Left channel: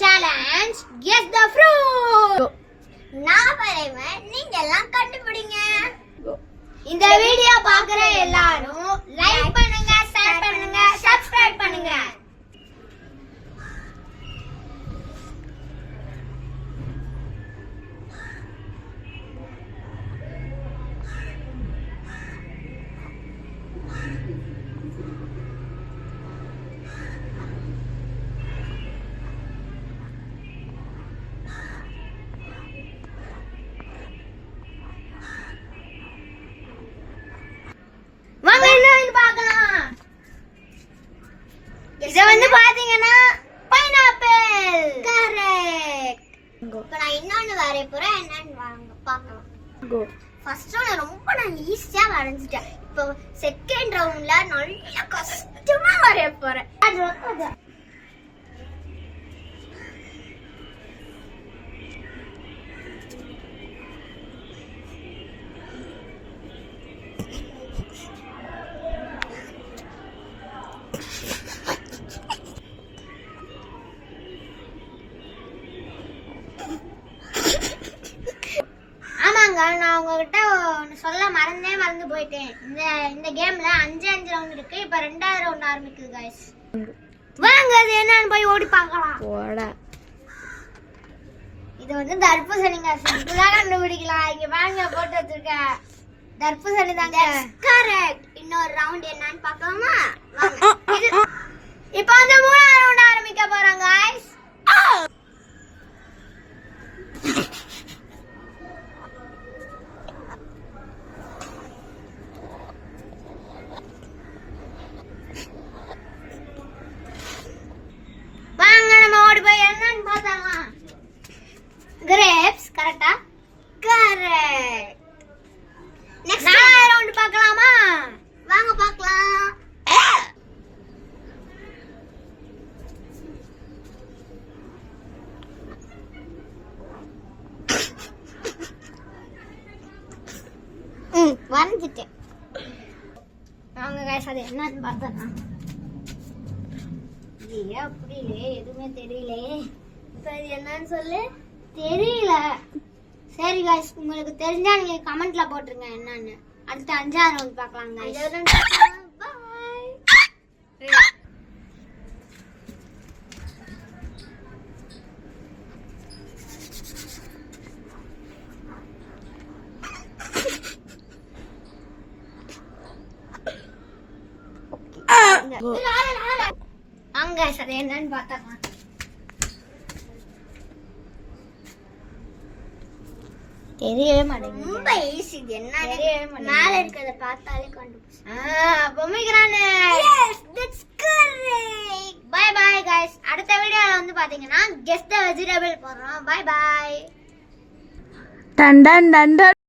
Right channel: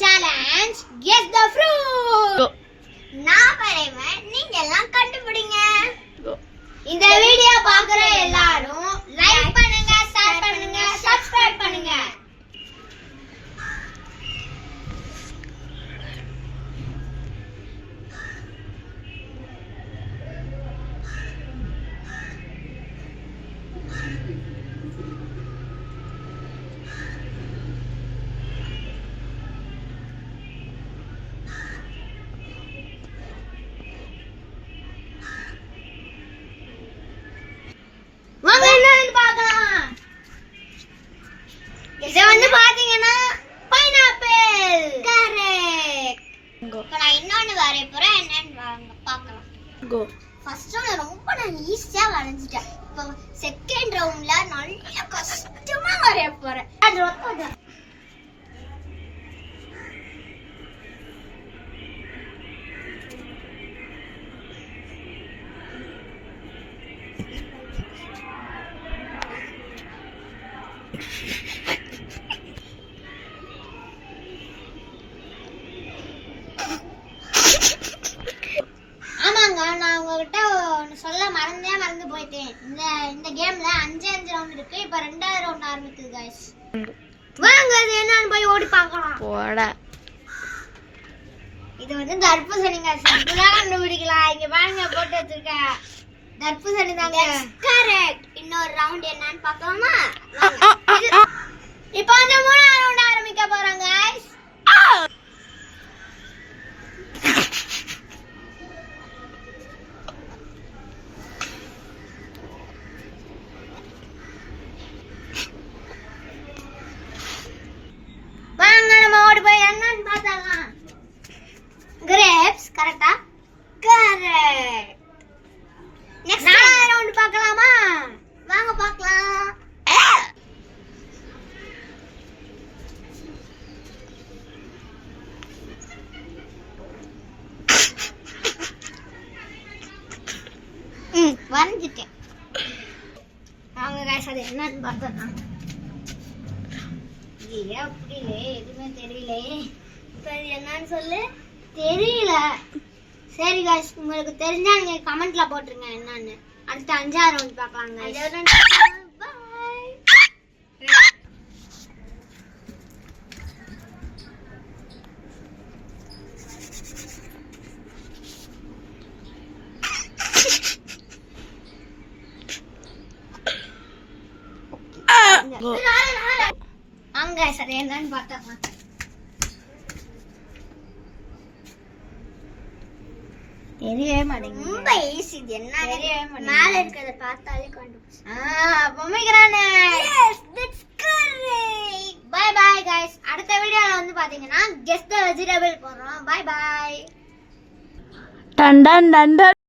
challenge guess the fruit. நான் பரைவன், நீங்க எல்லாம் கண்டுபிடிங்க. இந்த வீடியோ பார்க்குற எல்லாரும் லைக் பண்ணுங்க, ஷேர் பண்ணுங்க, சப்ஸ்கிரைப் பண்ணுங்க. வாங்க என்னன்னு பார்க்கலாம். இது வந்து பாத்தீங்கன்னா பைனாப்பிள். கரெக்ட். இப்போ நான் இன்னொன்னு வரைய போறேன், என்னன்னு பார்க்கலாம். கோ. ஃபர்ஸ்ட் ரவுண்ட் ரொம்ப நான் ஈஸியா வரைஞ்சிட்டேன். இப்போ செகண்ட் ரவுண்ட்ல நல்ல கஷ்டமா வரைய போறேன். அது வந்து நான் உங்ககிட்ட சொல்ல மறந்து போயிட்டேன். இந்த கேம்ல 5 ரவுண்ட் இருக்கு. இப்ப 2வது ரவுண்ட் ஆரம்பிக்குது गाइस. வாங்க அது என்னன்னு போய் ஓடி பார்க்கலாம். போடா. இது வந்து தர்பூசணி गाइस. இதெல்லாம் கண்டுபிடிக்கலாம். இங்க வாங்க போட்டு வச்சிருக்க. தர்பூசணி தாங்க. கரெக்ட். இன்னொரு ரவுண்ட் என்னன்னு பார்க்கலாமா? வாங்க. இப்போ அந்த 3வது ரவுண்ட் ஆரம்பிக்க போறோம் गाइस. grapes கரெக்ட்டா? கரெக்ட். நெக்ஸ்ட் 4வது ரவுண்ட் பார்க்கலாமா? வாங்க பார்க்கலாம். வரைஞ்சிட்டேன். வாங்க गाइस அது என்னன்னு பார்த்தலாம். ஏ அப்படியே எதுவுமே தெரியல. இப்போ என்னன்னு சொல்லு. தெரியல. சரி गाइस, உங்களுக்கு தெரிஞ்சா நீங்க கமெண்ட்ல போட்டுருங்க என்னன்னு. அடுத்து 5வது ரவுண்ட் பார்க்கலாம் गाइस. பை. வாங்க சரி என்னன்னு பார்த்தலாம். தெரியவே மாட்டேங்குது. ரொம்ப ஈஸி. இது என்ன மேல இருக்கத பார்த்தாலே கண்டுபிடிச்சேன். பொம்மைக்கிறானே. Yes that's correct. Bye bye guys. அடுத்த வீடியோல வந்து பாத்தீங்கன்னா கெஸ் தி வெஜிடபிள் போறோம். Bye bye. டன் டன் டன்.